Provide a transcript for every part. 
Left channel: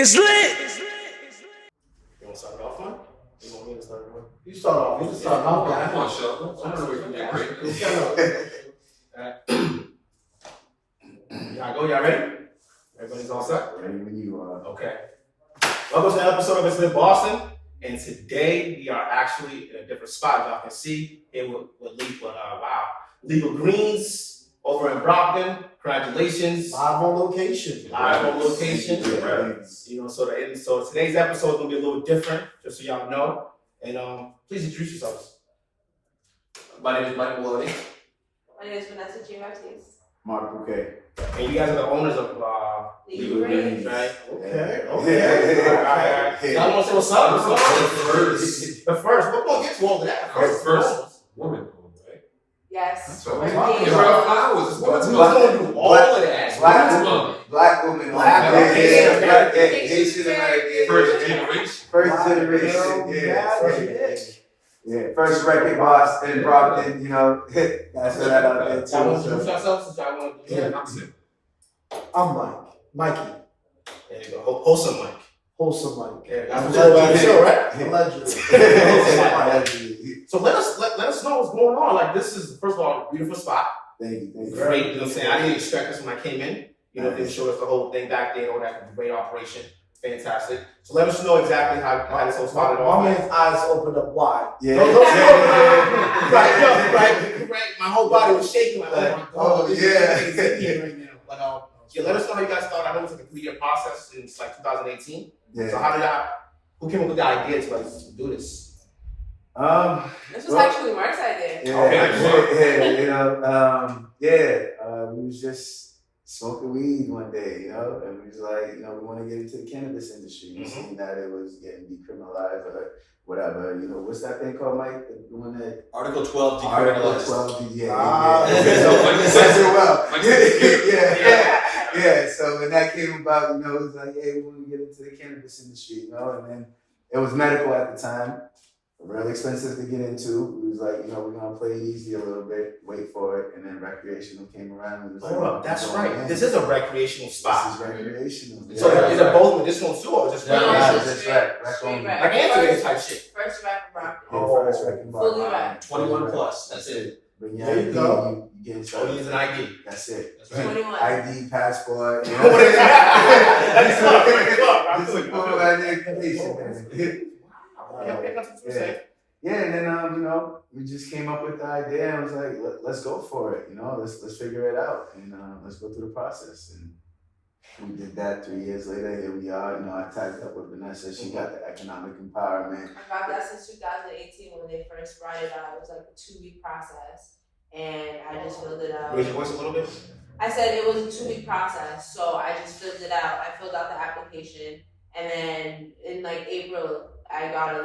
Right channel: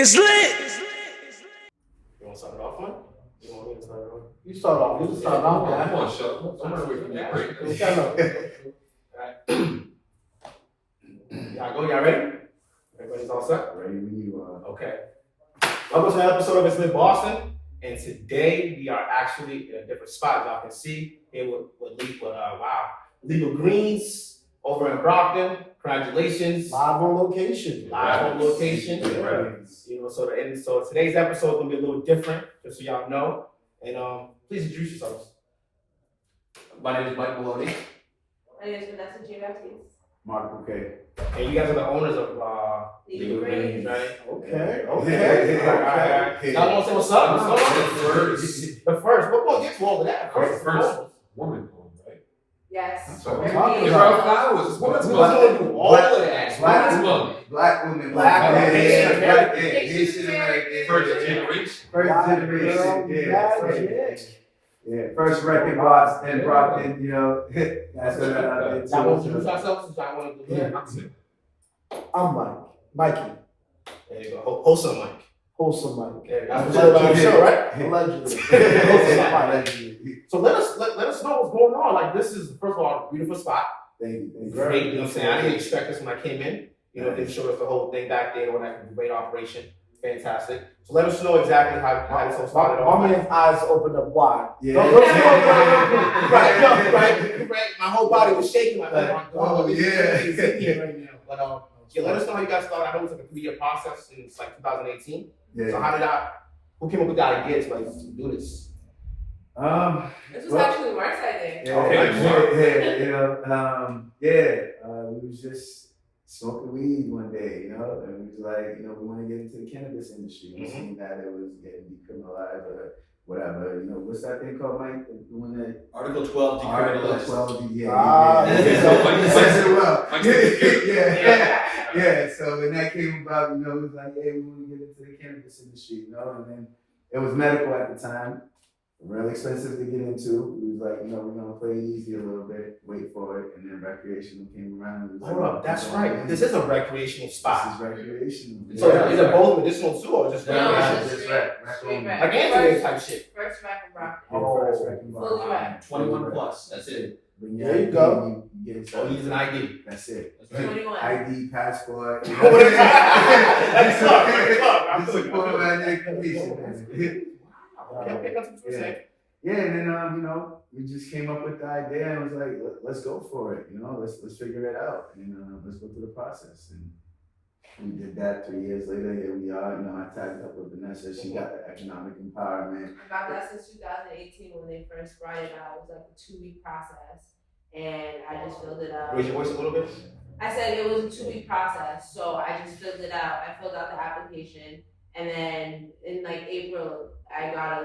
It's lit. You want to start it off, man? You want me to start it off? You start off. You start off. I'm on show. I'm gonna wait for your break. Y'all go. Y'all ready? Everybody's all set? Ready when you are. Okay. Welcome to an episode of ItsLitBoston. And today we are actually in a different spot. Y'all can see here with Legal Greens over in Brockton. Congratulations. Live on location. Yeah. You know, so today's episode is gonna be a little different, just so y'all know. And please introduce yourselves. My name is Mike Maloney. My name is Vanessa J. Baptiste. Mark Bouquet. And you guys are the owners of Legal Greens, right? Okay. All right. Y'all want to say what's up? The first. We're going to get to all of that. First woman owned, right? Yes. So We're give legal. her a flowers. It's woman's We're month. going to do all of that. Black woman. Haitian-american. First generation. First generation. Yeah. First record boss in Brockton, you know. That's what I did too. Y'all want to introduce ourselves since y'all want to do that? That's it. I'm Mike. Mikey. There you go. Wholesome Mike. Wholesome Mike. Yeah, that's what you're about to show, right? Allegedly. So let us know what's going on. Like, this is, first of all, a beautiful spot. Thank you. Great, you know what I'm saying? I didn't expect this when I came in. You know, they showed us the whole thing back there and all that. Great operation. Fantastic. So let us know exactly how this all started off. My man's eyes opened up wide. Yeah. Right. My whole body was shaking like, oh my God. This is here right now. But yeah, let us know how you guys started. I know it was like a 3-year process since like 2018. Yeah. So who came up with the idea to like do this? This was actually Mark's idea. We was just smoking weed one day, you know, and we was like, you know, we want to get into the cannabis industry. We seen that it was getting decriminalized or whatever, you know, what's that thing called, Mike? The one that Article 12 Article decriminalized. 12, yeah. So when that came about, you know, it was like, hey, we want to get into the cannabis industry, you know, and then it was medical at the time. Real expensive to get into. It was like, you know, we're gonna play it easy a little bit, wait for it, and then recreational came around. And it was Hold up, that's right. This is a recreational spot. This is recreational. So is it both medicinal too, or just recreational? That's right. Straight rec. Like Anthony type shit. First rec in Brockton. First record bar. Fully rec. 21 plus. That's it. But There you go. You get Oh, he's an ID. That's it. That's right. 21. ID, passport. What is that? I'm This is good. full identification, man. Okay, that's what you're saying. Yeah, and then you know, we just came up with the idea and was like, let's go for it, you know, let's figure it out and let's go through the process. And we did that. 3 years later, here we are. You know, I tagged up with Vanessa. She got the economic empowerment. I got that since 2018 when they first brought it out. It was like a 2-week process, and I just filled it out. Raise your voice a little bit. I said it was a 2-week process, so I just filled it out. I filled out the application, and then in like April, I got an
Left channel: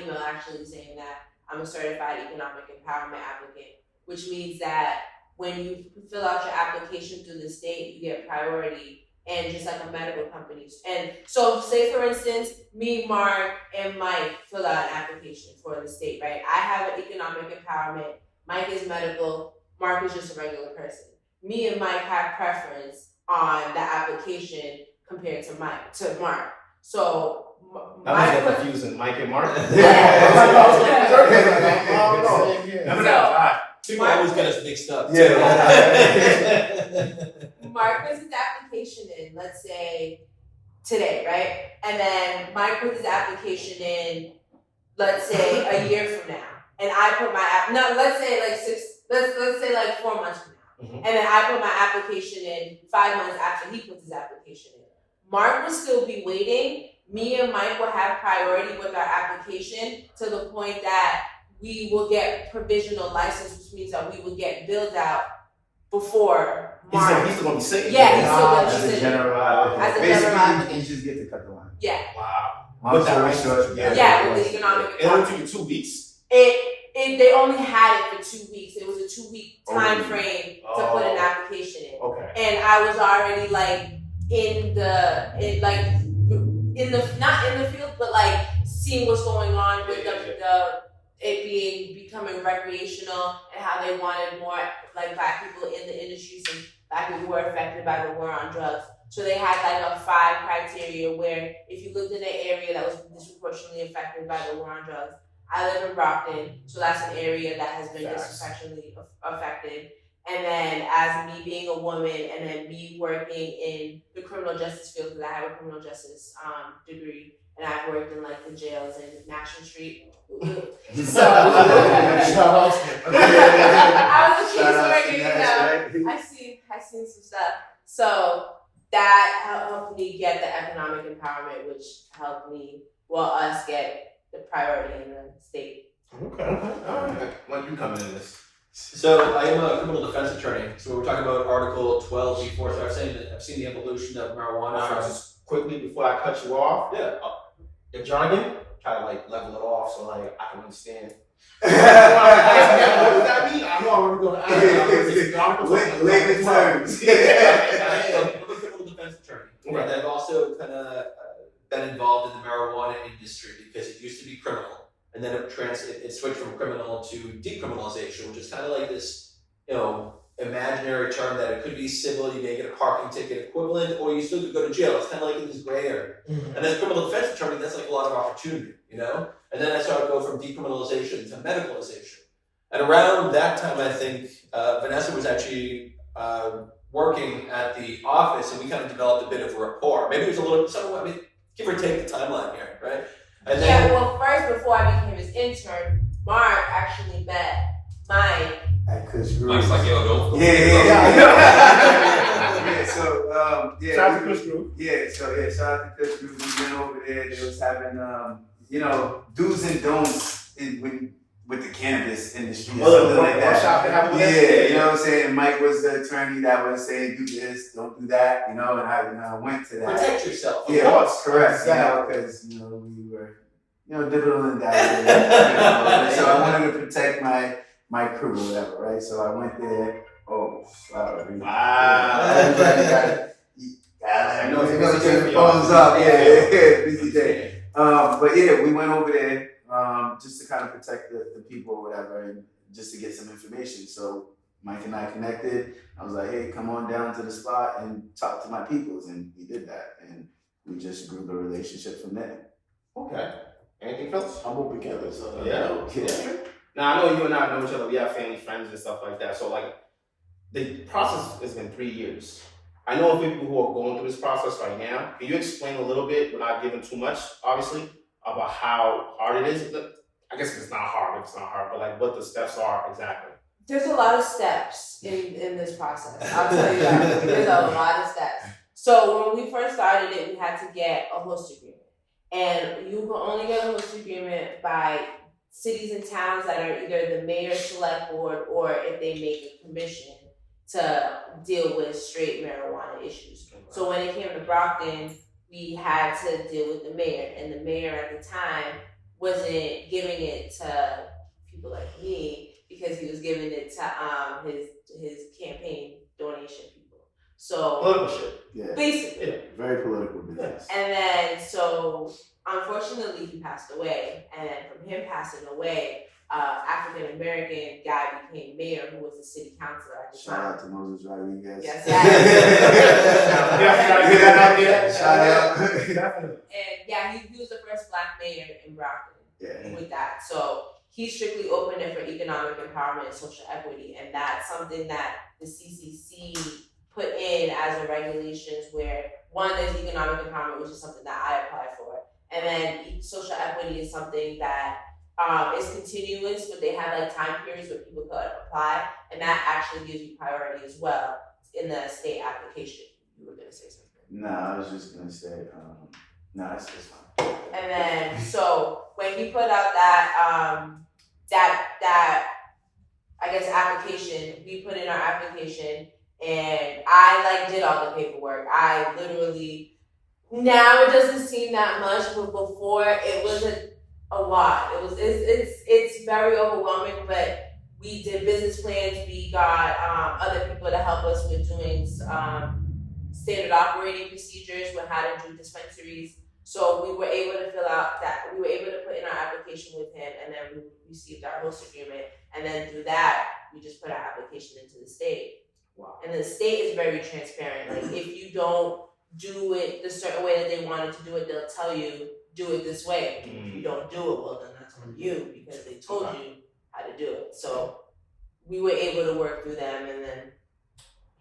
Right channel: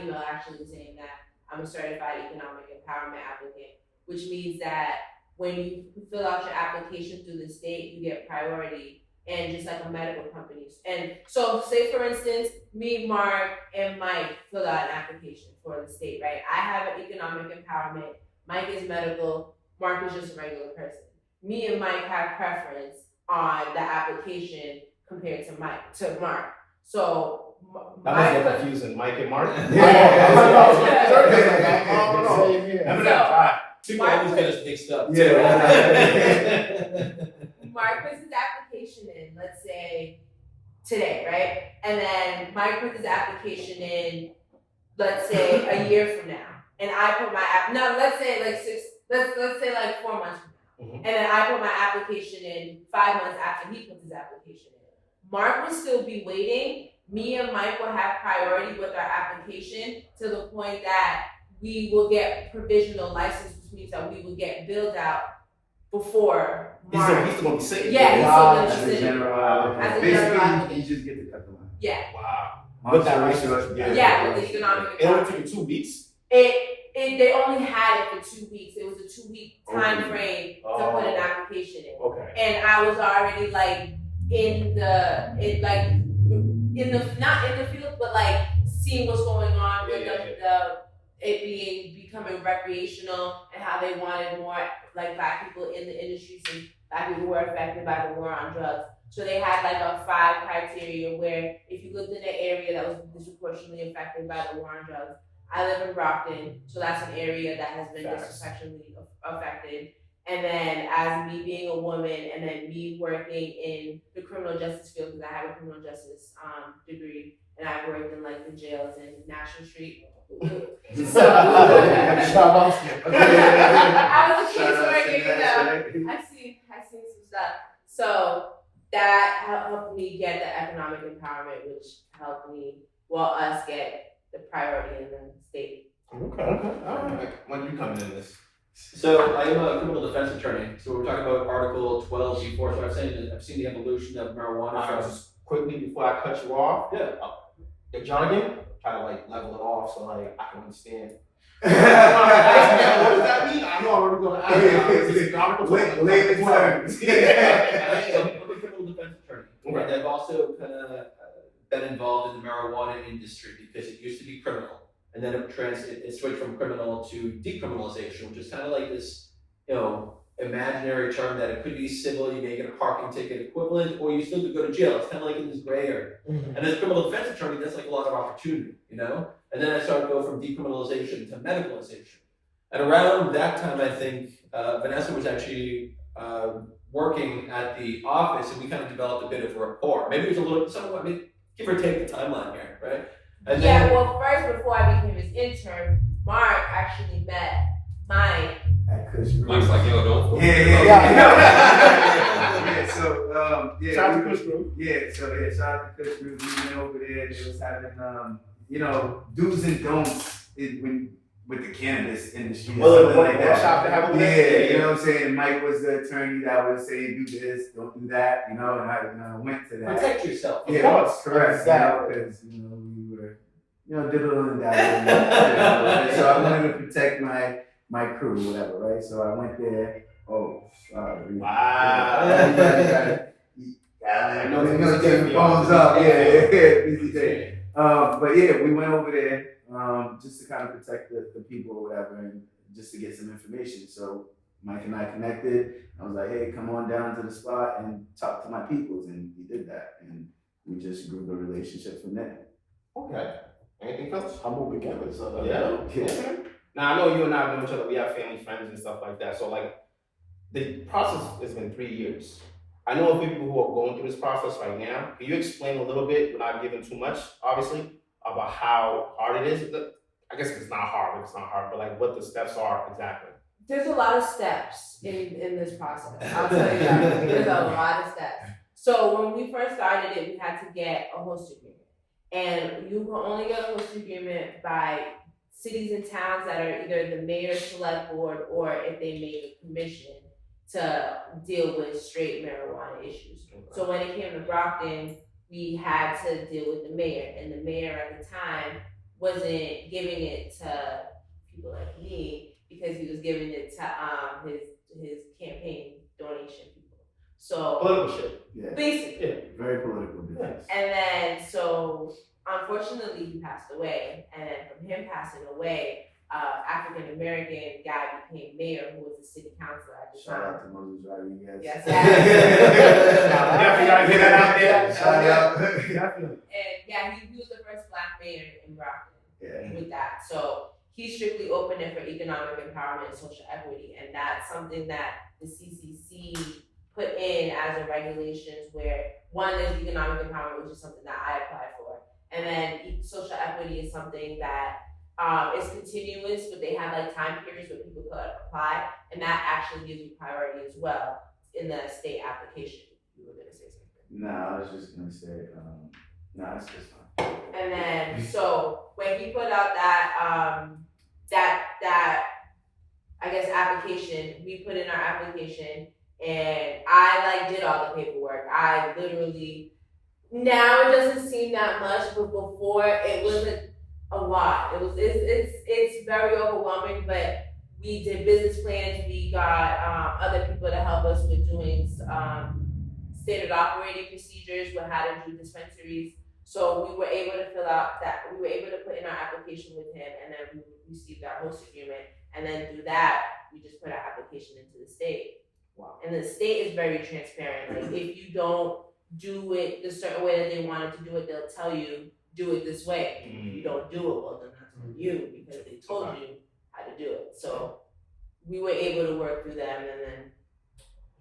email actually saying that I'm a certified economic empowerment applicant, which means that when you fill out your application through the state, you get priority, and just like a medical company. And so say for instance, me, Mark, and Mike fill out an application for the state, right? I have an economic empowerment, Mike is medical, Mark is just a regular person. Me and Mike have preference on the application compared to Mark. So That was a little confusing. Mike and Mark. Yeah. Remember that? People always get us mixed up. Mark puts his application in, let's say today, right? And then Mike puts his application in, let's say a year from now. And I put my let's say like 4 months from now. And then I put my application in 5 months after he puts his application in. Mark will still be waiting. Me and Mike will have priority with our application to the point that we will get provisional license, which means that we will get billed out before Mark. He's still gonna be sick. Yeah, he's still gonna be As a sitting. general As a Basically, general advocate. you just get to cut the line. Yeah. Wow. With that short, Yeah, with the economic It only empowerment. took you 2 weeks. They only had it for 2 weeks. It was a 2-week time frame to put an application in. Okay. And I was already like not in the field, but like seeing what's going on with it becoming recreational and how they wanted more like Black people in the industry since Black people were affected by the war on drugs. So they had like a 5 criteria where if you lived in an area that was disproportionately affected by the war on drugs. I live in Brockton, so that's an area that has been Facts. disproportionately affected. And then as me being a woman and then me working in the criminal justice field, because I have a criminal justice degree, and I've worked in like the jails in National Street. So I was a case worker, you know. I seen some stuff. So that helped me get the economic empowerment, which helped me, us get the priority in the state. Okay. All right. When you coming in this? So I am a criminal defense attorney. So we're talking about Article 12(b)(4). So I've seen the evolution of marijuana. Just quickly before I cut you off. Yeah. Your jargon, try to like level it off so like I can understand. What does that mean? I know I'm already going to ask. Layman terms. I'm a criminal defense attorney. Okay. And I've also kind of been involved in the marijuana industry because it used to be criminal. And then it switched from criminal to decriminalization, which is kind of like this, imaginary term that it could be civil, you may get a parking ticket equivalent, or you still could go to jail. It's kind of like in this gray area. And as a criminal defense attorney, that's like a lot of opportunity, And then I started to go from decriminalization to medicalization. And around that time, I think Vanessa was actually working at the office, and we kind of developed a bit of rapport. Maybe it was a little, somewhat, give or take the timeline here, right? And then, First, before I became his intern, Mark actually met Mike. At Kush Group. Mike's like, yo, don't. Shout out to Kush Group. Shout out to Kush Group. We went over there. They was having, do's and don'ts with the cannabis industry. Something like that. You know what I'm saying? Mike was the attorney that was saying, do this, don't do that, and I went to that. protect yourself. Of course. Correct. Exactly. Because, we were, dibbling and dabbling. So I wanted to protect my crew, whatever, right? So I went there. Oh, sorry. Wow. I know it's you're a gonna busy get day the for y'all. phones up. Yeah, busy day. But yeah, we went over there just to kind of protect the people or whatever, and just to get some information. So Mike and I connected. I was like, hey, come on down to the spot and talk to my peoples, and we did that, and we just grew the relationship from there. Okay. Anything else? Humble beginners. Yeah. Now I know you and I know each other. We have family, friends, and stuff like that. So like, the process has been 3 years. I know of people who are going through this process right now. Can you explain a little bit, without giving too much, obviously, about how hard it is? I guess it's not hard, but like what the steps are exactly. There's a lot of steps in this process. I'll tell you that. There's a lot of steps. So when we first started it, we had to get a host agreement. And you can only get a host agreement by cities and towns that are either the mayor's select board, or if they make a commission to deal with straight marijuana issues. So when it came to Brockton, we had to deal with the mayor, and the mayor at the time wasn't giving it to people like me because he was giving it to his campaign donation people. So Political shit. Yeah. basically. Yeah. Very political business. And then, so unfortunately, he passed away. And then from him passing away, African-American guy became mayor, who was a city councilor at the Shout time. out to Moses Rodriguez. Yes, Shout out. Definitely. And yeah, he was the first Black mayor in Brockton Yeah. with that. So he strictly opened it for economic empowerment and social equity. And that's something that the CCC put in as a regulations where, one, there's economic empowerment, which is something that I applied for. And then social equity is something that is continuous, but they have like time periods where people could apply, and that actually gives you priority as well in the state application. You were gonna say something. No, I was just gonna say, no, it's just fine. And then, so when he put out that I guess application, we put in our application, and I did all the paperwork. I literally, now it doesn't seem that much, but before it wasn't a lot. It's very overwhelming, but we did business plans. We got other people to help us with doing standard operating procedures with how to do dispensaries. So we were able to fill out that. We were able to put in our application with him, and then we received our host agreement. And then through that, we just put our application into the state. Wow. And the state is very transparent. Like if you don't do it the certain way that they wanted to do it, they'll tell you, do it this way. If you don't do it, well, then that's on you because they told you how to do it. So we were able to work through them, and then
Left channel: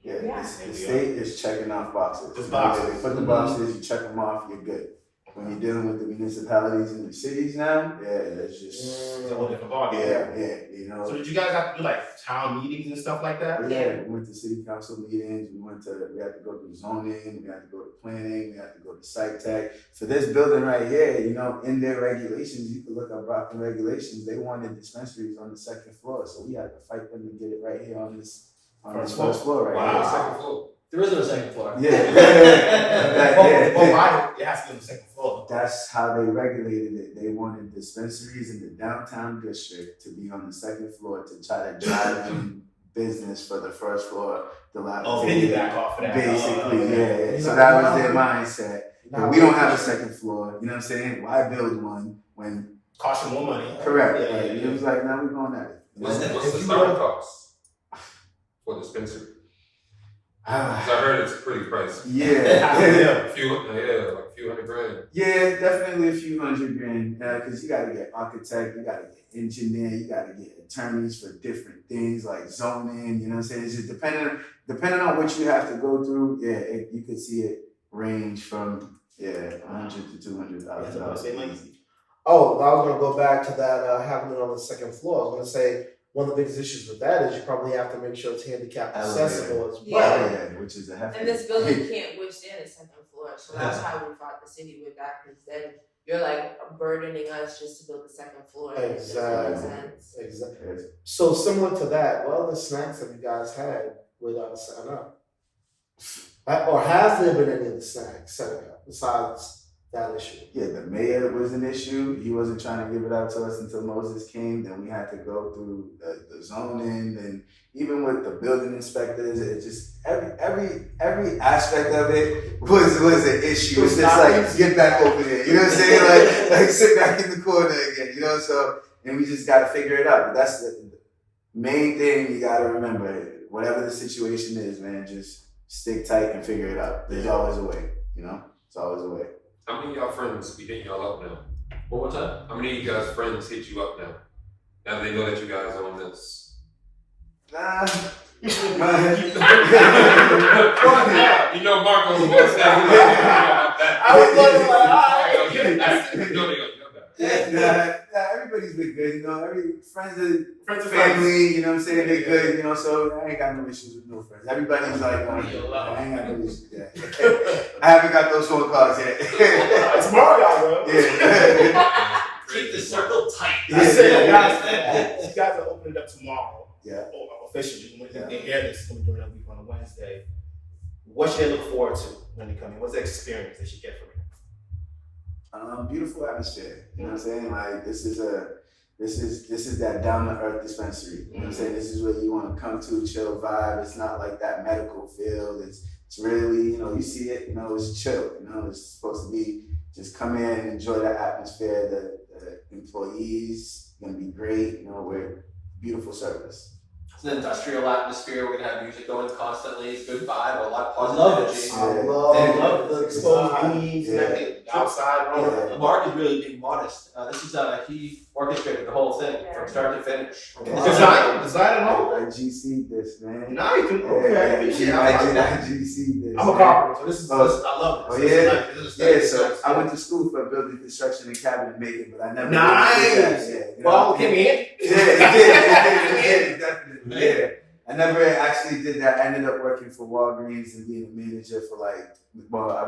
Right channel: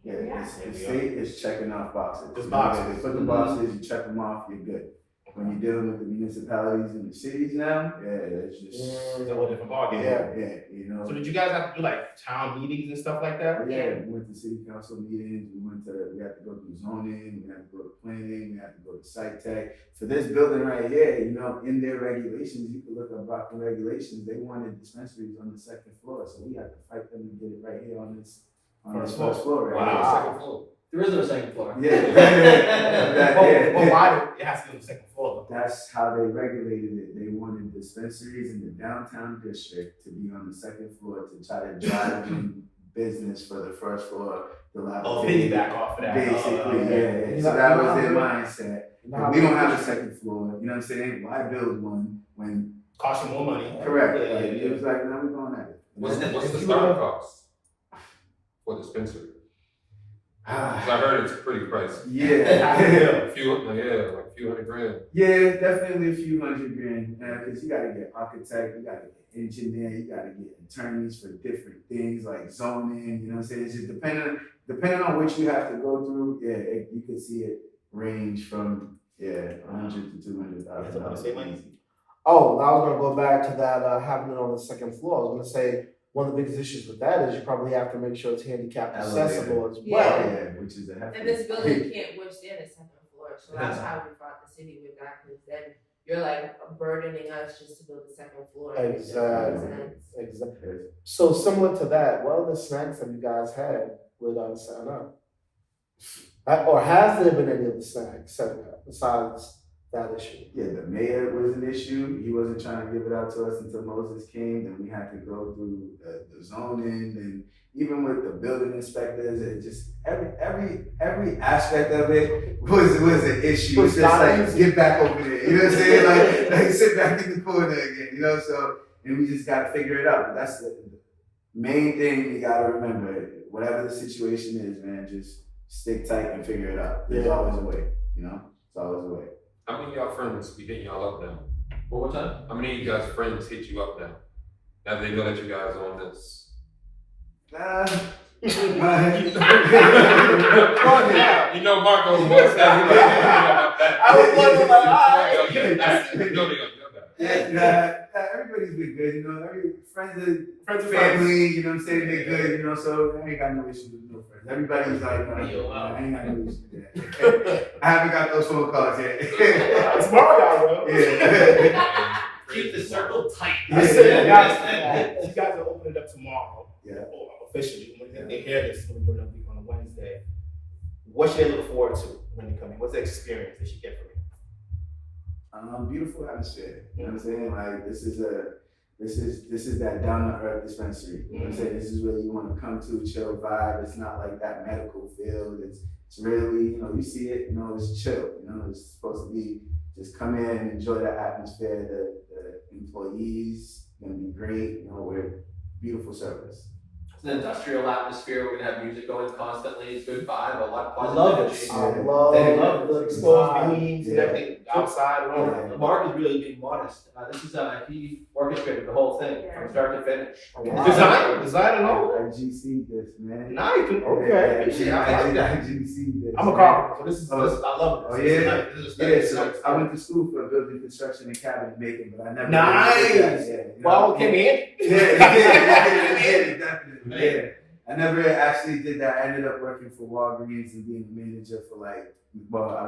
the state is checking off boxes. Just boxes. They put the boxes, you check them off, you're good. When you're dealing with the municipalities and the cities now, it's just It's a whole different ballgame. you know. So did you guys have to do like town meetings and stuff like that? Yeah, we went to city council meetings, we had to go through zoning, we had to go to planning, we had to go to site tech. For this building right here, you know, in their regulations, you can look up Brockton regulations, they wanted dispensaries on the second floor, so we had to fight them to get it right here on this first floor right Wow. here. Second floor. There is no second floor. Yeah. Well, why do it has to be on the second floor? That's how they regulated it. They wanted dispensaries in the downtown district to be on the second floor to try to drive in business for the first floor. Piggyback off of that. Basically, yeah. So that was their mindset. But we don't have a second floor. You know what I'm saying? Why build one when? Cost you more money. Correct. Yeah, Like, it was like, now we're going at it. What's the starting cost for dispensary? Because I heard it's pretty pricey. Yeah. Like a few $100,000. Yeah, definitely a few $100,000. Because you got to get architect, you got to get engineer, you got to get attorneys for different things like zoning. You know what I'm saying? It's just depending on what you have to go through. Yeah, you could see it range from $100,000 to $200,000. Oh, I was gonna go back to that having it on the second floor. I was gonna say one of the biggest issues with that is you probably have to make sure it's handicap accessible as well. Yeah, which is a hefty. And this building can't withstand a second floor, so that's how we fought the city with that. Because then you're like burdening us just to build the second floor. Exactly. So similar to that, what other snacks have you guys had with Sign Up? Or has there been any other snacks set up besides that issue? Yeah, the mayor was an issue. He wasn't trying to give it out to us until Moses came. Then we had to go through the zoning, and even with the building inspectors, it just every aspect of it was an issue. It's just like, get back over there. You know what I'm saying? Like sit back in the corner again. You know, so and we just gotta figure it out. But that's the main thing you gotta remember. Whatever the situation is, man, just stick tight and figure it out. There's always a way. You know, it's always a way. How many of y'all friends be hitting y'all up now? One more time. How many of you guys' friends hit you up now? Now they know that you guys own this. Nah. You know Marco's voice now. I was wondering, like, all right. No, they know that. Yeah, everybody's been good, you know. Friends and family, you know what I'm saying? They're good, you know. So I ain't got no issues with no friends. Everybody's like, I ain't got no issues with that. I haven't got those phone calls yet. Tomorrow, y'all will. Yeah. Keep the circle tight. I said, guys, you guys are opening it up tomorrow. Yeah. Officially, when they hear this, it's during the week on a Wednesday. What should they look forward to when they come in? What's the experience they should get from it? Beautiful atmosphere. You know what I'm saying? Like this is that down to earth dispensary. You know what I'm saying? This is where you want to come to, chill vibe. It's not like that medical field. It's really, you know, you see it, you know, it's chill. You know, it's supposed to be just come in, enjoy the atmosphere. The employees gonna be great. You know, we're beautiful service. It's an industrial atmosphere. We're gonna have music going constantly. It's good vibe. A lot of I positive love energy. this. I They love love the exposed beams and everything outside. Yeah. Mark is really being modest. This is he orchestrated the whole thing from start to finish. Design alone? I GC'd this, man. Nice. Okay. I GC'd this. I'm a carpenter, so this is. I love Oh, this. yeah? This is Yeah, so I went to school for building construction and cabinet making, but I never Nice. did that. Yeah, you know? Well, came in. Yeah, definitely. Yeah. I never actually did that. I ended up working for Walgreens and being a manager for I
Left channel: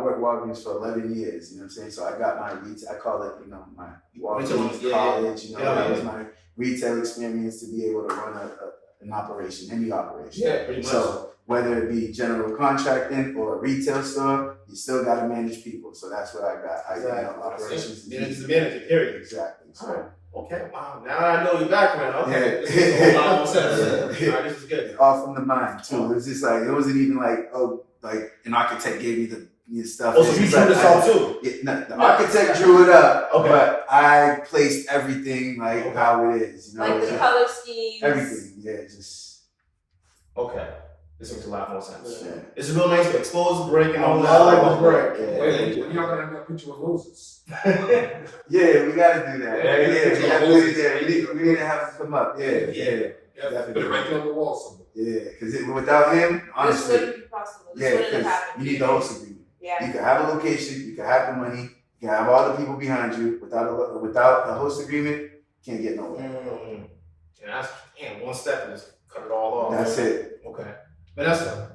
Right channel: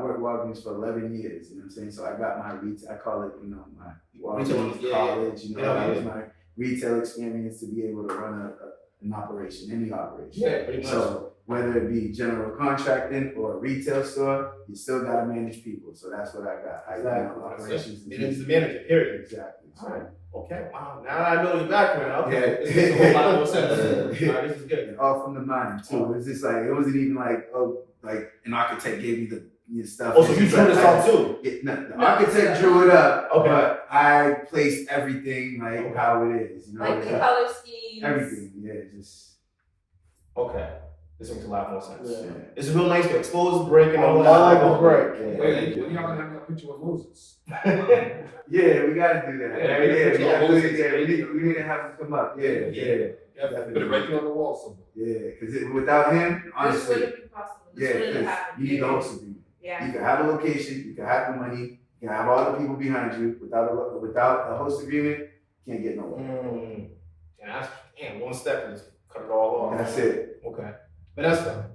worked Walgreens for 11 years, you know what I'm saying? So I got my retail, I call it, you know, my Walgreens college, you know, that was my retail experience to be able to run an operation, any operation. Yeah, pretty much. So whether it be general contracting or a retail store, you still got to manage people. So that's what I got. Operations. It's a manager, period. Exactly. So, Alright. Okay, wow. Now I know your background. Okay. This makes a whole lot more sense. Alright, this is good. all from the mind too. It's just like, it wasn't even like, like an architect gave me the stuff. Oh, so you drew this out too? Yeah, no, the architect drew it up, Okay. but I placed everything like how it is, you know. Like the color schemes. Everything, yeah, just. Okay. This makes a lot more sense. Yeah. It's real nice to expose the break and all I that. like the break. Yeah. Wait, when y'all gonna have that picture with Moses? Yeah, we gotta do that. Yeah, Yeah, yeah, we gotta do it there. We need to have him come up. Yeah, yeah. Put it right there on the wall somewhere. Yeah, because without him, This honestly, wouldn't be possible. This yeah, wouldn't have because happened. you need the host agreement. Yeah. You can have a location, you can have the money, you can have all the people behind you. Without a host agreement, can't get nowhere. And that's one step and just cut it all off. That's it. Okay. Vanessa,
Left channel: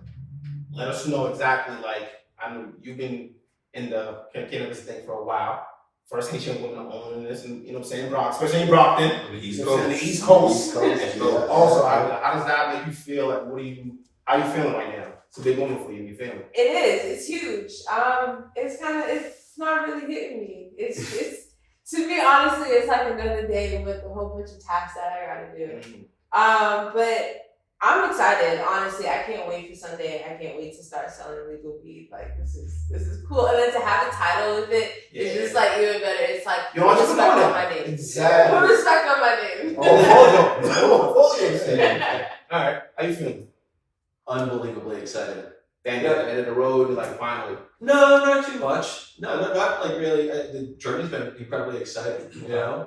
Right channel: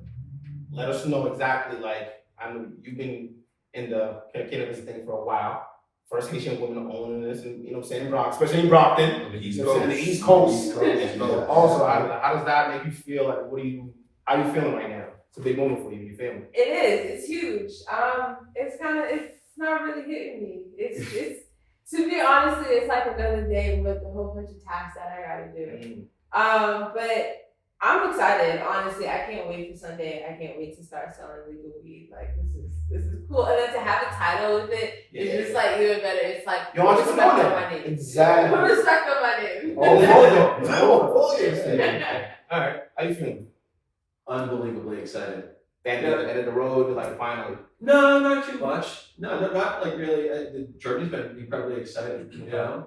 let us know exactly, like, I know you've been in the cannabis thing for a while. First Haitian woman owning this, and you know what I'm saying, especially in Brockton. On the East You know what I'm Coast. saying, the East Coast. East Coast, And yeah. also, how does that make you feel? Like, how you feeling right now? It's a big moment for you. You feeling? It is. It's huge. It's not really hitting me. It's to me, honestly, it's like another day with a whole bunch of tasks that I gotta do. But I'm excited. Honestly, I can't wait for Sunday. I can't wait to start selling legal weed. Like this is cool. And then to have a title with it is just like even better. It's like You're entrepreneur respect now. on my name. Exactly. Put respect on my name. All right. How you feeling? Unbelievably excited. End of the road, like finally. No, not too much. No, not like really. The journey's been incredibly exciting, you know.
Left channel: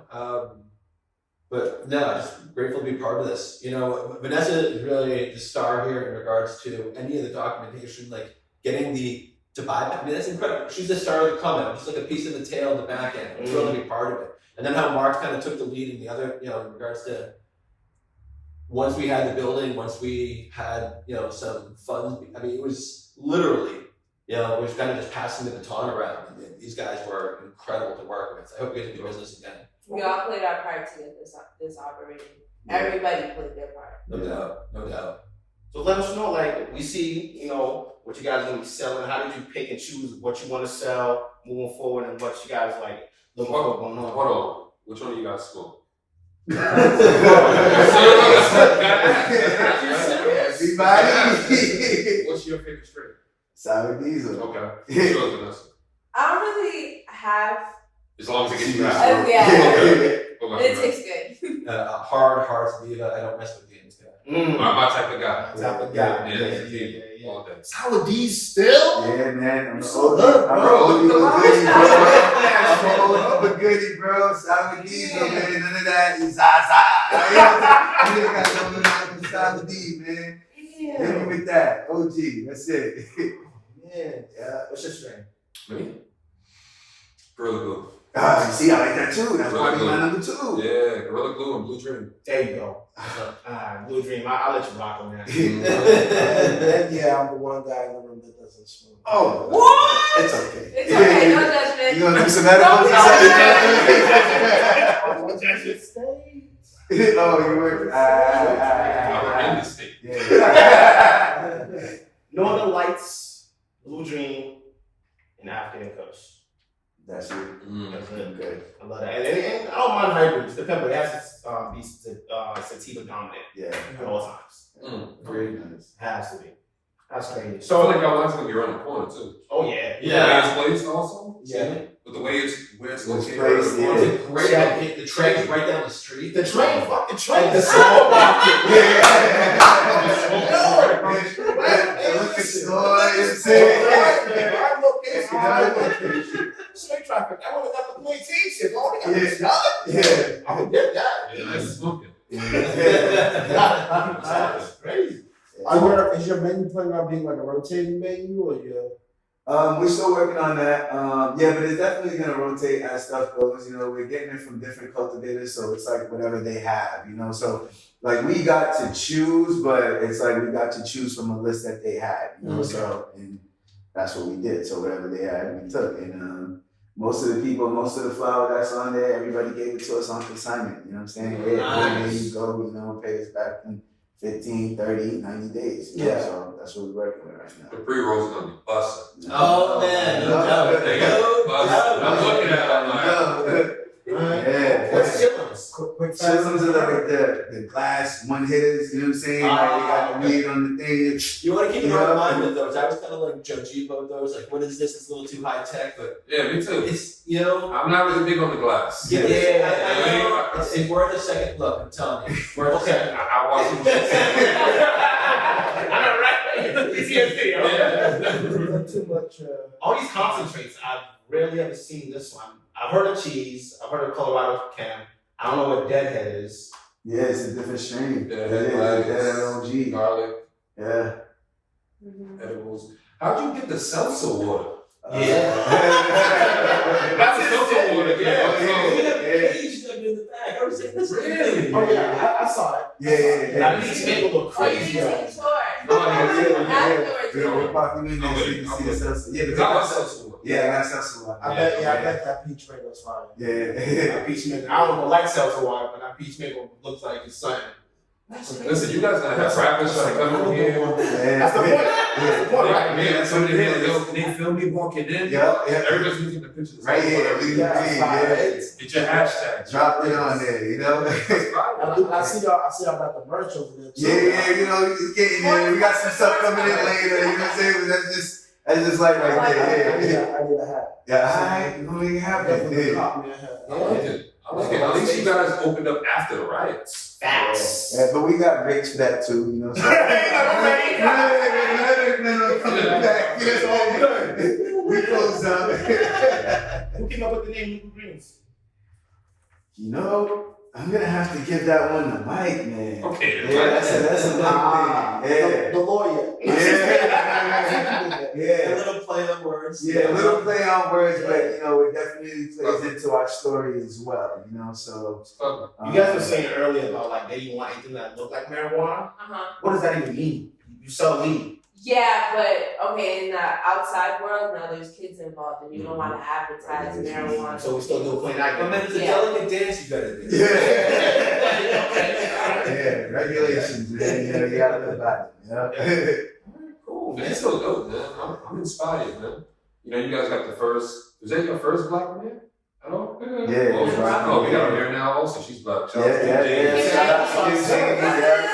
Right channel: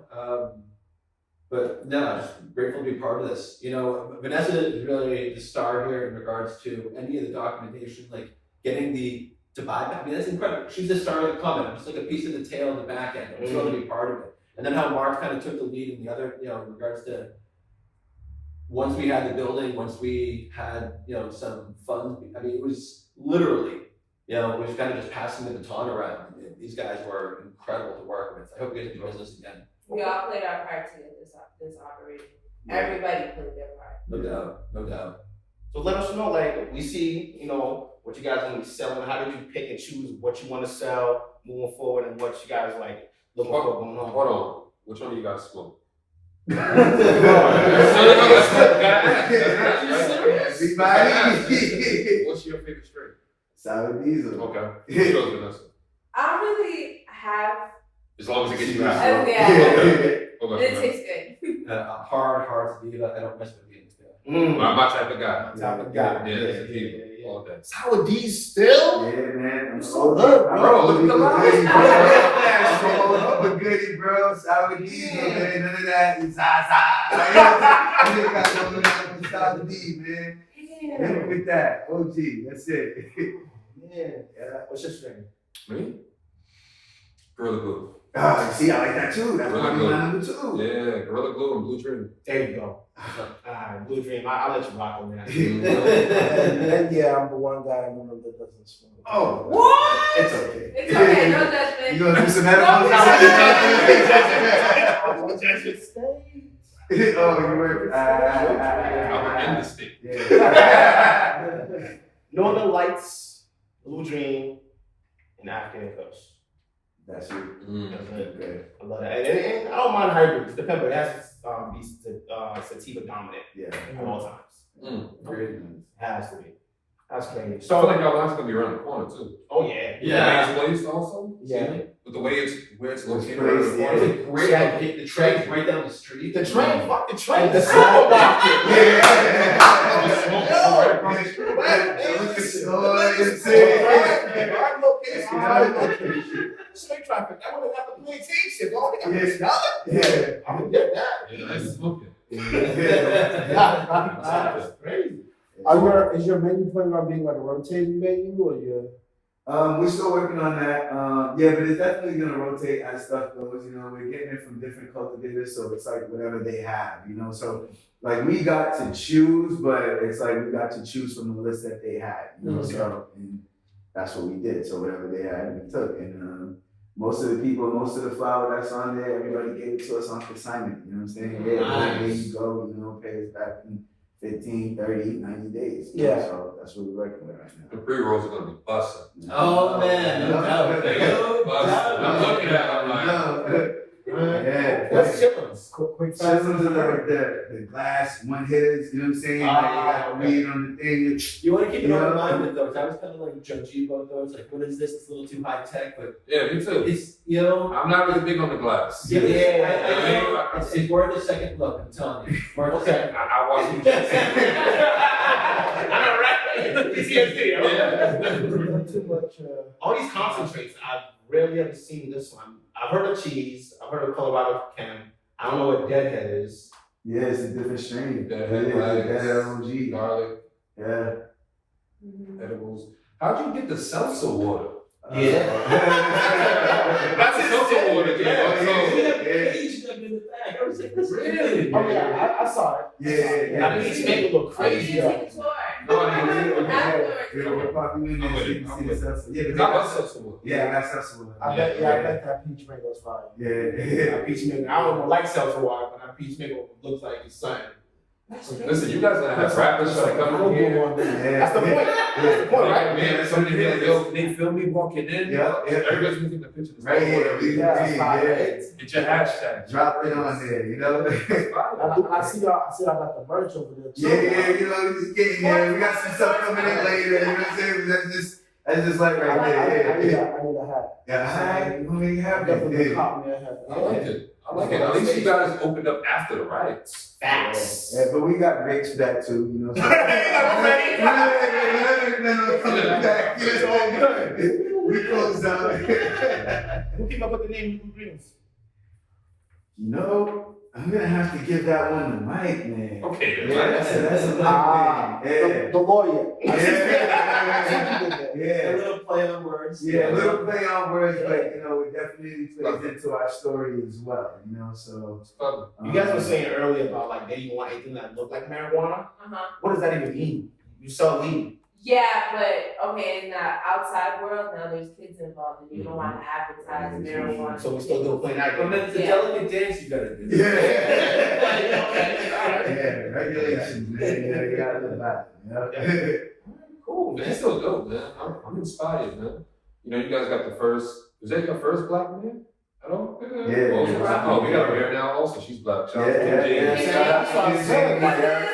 But no, just grateful to be part of this. You know, Vanessa is really the star here in regards to any of the documentation, like getting to buy. I mean, that's incredible. She's the star of the comment. I'm just like a piece of the tail in the back end. I'm thrilled to be part of it. And then how Mark kind of took the lead in the other, you know, in regards to once we had the building, once we had, you know, some funds. I mean, it was literally, you know, we was kind of just passing the baton around. And these guys were incredible to work with. I hope we get to do business again. We all played our part to get this operating. Everybody played their part. No doubt, no doubt. So let us know, like, we see, you know, what you guys want to be selling. How did you pick and choose what you want to sell moving forward and what you guys like looking for going on? Hold on. Which one of you guys smoke? Everybody. What's your favorite strain? Sour diesel. Okay. What's yours, Vanessa? I don't really have. As long as it gets you happy. Yeah. Okay. It tastes good. Hard hearts diva. I don't mess with games. I'm my type of guy. Type of guy. Yeah. All day. Sour D's still? Yeah, man. I'm So good, bro. Look at the Look at the I'm a goodie, bro. Sour diesel, man. None of that is Zaza. You got something like with Sour D, man. Hit me with that. OG. That's it. Yeah. What's your strain? Me? Gorilla Glue. See, I like that too. That's Gorilla my Glue. number 2. Yeah, Gorilla Glue and Blue Dream. There you go. Blue Dream. I'll let you rock on that. And then, yeah, I'm the one guy in the room that doesn't smoke. Oh, What? it's okay. It's okay. No judgment. You gonna do some edibles? Oh, you were. I'm in the state. Yeah. Northern Lights, Blue Dream, and African Kush. That's it. That's it. Good. I love that. And I don't mind hybrids. The pepper has to be sativa dominant Yeah. at all times. Very nice. Has to be. That's crazy. So I feel So, like y'all line's gonna be around the corner too. oh yeah. Yeah. The way it's placed also. Yeah. With the way where it's located. placed, around the yeah. corner. It's a great location. The train's right down the street. The train, fuck the train. The The supermarket. Prime location. Straight traffic. I would have got the plantation. Oh, they got this done. Yeah. I would get that. Yeah, nice smoking. That's crazy. Is your menu planning on being like a rotating menu or you're We're still working on that. Yeah, but it's definitely gonna rotate as stuff goes. You know, we're getting it from different cultivators, so it's like whatever they have. You know, so like we got to choose, but it's like we got to choose from a list that they had. You know, so and that's what we did. So whatever they had, we took. And most of the flour that's on there, everybody gave it to us on consignment. You know what I'm saying? Yeah, there you go. You know, pay us back in 15, 30, 90 days. You know? Yeah. So that's what we're working with right The now. pre-rolls are gonna be busting. Oh man, no doubt. They No got busted. doubt. I'm looking at it, I'm like, Yeah. What's chillin'? quick Chisels are like the glass one hitters, you know what I'm saying? Like you got the weed on the thing. You want to keep an Yeah. open mind with those. I was kind of like judgy about those. Like, what is this? It's a little too high tech, but Yeah, me too. it's, you know. I'm not really big on the glass. Yeah, Yeah. I know. It's worth a second look, I'm telling you. Worth a Okay. second. I watch them. I know, right? PTSD, Yeah. Too much. All these concentrates, I've rarely ever seen this one. I've heard of cheese. I've heard of Colorado Cam. I don't know what Deadhead is. Yeah, it's a different strain. Deadhead, Deadhead OG. Garlic, Yeah. edibles. How'd you get the seltzer water? That's a seltzer water, We yeah. have a page dug in the back. I was like, this is Really? Oh yeah, I saw it. Yeah. That makes me look crazy. Yeah. No, I didn't. We're popping in there so you can see the seltzer. Yeah, I love seltzer water. Yeah, I got seltzer water. I bet that peach mango's fire. Yeah. Peach mango. I don't know, like seltzer water, but that peach mango looks like it's something. Listen, you guys gonna have rappers trying to come in here. That's the point. That's the point, right? Man, somebody be like, yo, can they film me walking in? Yeah. Everybody's using the picture. Right here. Yeah. Get your hashtag. Drop it on there, you know? I see y'all got the merch over there too. Yeah, you know, it's getting there. We got some stuff coming in later, you know what I'm saying? That's just like right I there. need Yeah. a hat. Yeah, you don't even have Definitely that. cop me a hat. I like it. I like it. At least you guys opened up after the riots. Facts. Yeah, but we got breaks for that too, you know. So. It's all good. We closed down. Who came up with the name Legal Greens? You know, I'm gonna have to give that one to Mike, man. Okay, then. Yeah, that's a Mike thing. Yeah. The lawyer. Yeah. A Yeah. little play on words. Yeah, a little play on words, but you know, it definitely plays into our story as well, you know, so. You guys were saying earlier about like they didn't want anything that looked like marijuana. What does that even mean? You sell weed. Yeah, but okay, in the outside world, now there's kids involved and you don't want to advertise marijuana. So we still do plain night. But man, it's a Yeah. delicate dance you gotta do. Yeah. Okay. Yeah, regulations, man, you know, you gotta live by it, you know? Cool, Man, man. it's so dope, man. I'm inspired, man. You know, you guys got the first. Was that your first black man at all? Yeah. Oh, we got her here now. Also, she's black. Shout out to Yeah. Jane. Shout out to you, Jane.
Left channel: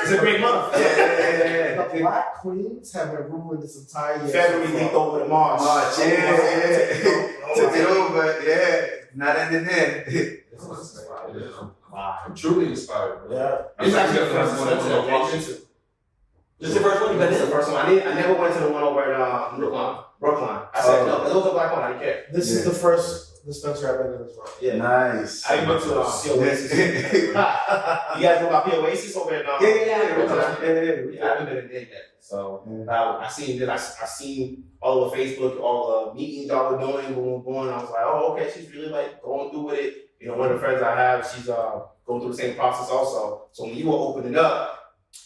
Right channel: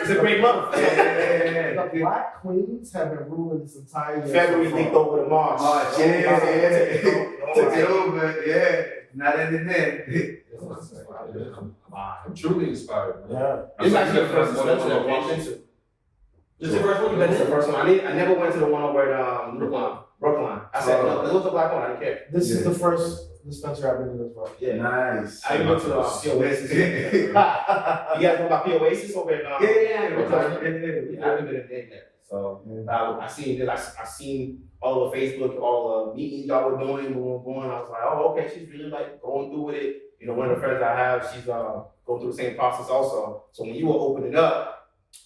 It's a great month. The Black Queens have been ruling this entire year. February leaked over to March. March, yeah. Took it over, yeah. Not in the net. I'm truly inspired, man. Yeah. It's actually the first one dispensary I walked location. into. This is the first one you That's been the in? first one. I never went to the one over in Brookline. I said no, but it was a black one. I didn't care. This is Yeah. the first dispensary I've been in as well. Yeah. Nice. I even went to POAsis. You guys know about POAsis over in Yeah. Yeah, I haven't been in there yet. So I seen it. I seen all over Facebook, all the meetings y'all were doing, going. I was like, oh, okay, she's really like going through with it. You know, one of the friends I have, she's going through the same process also. So when you were opening up,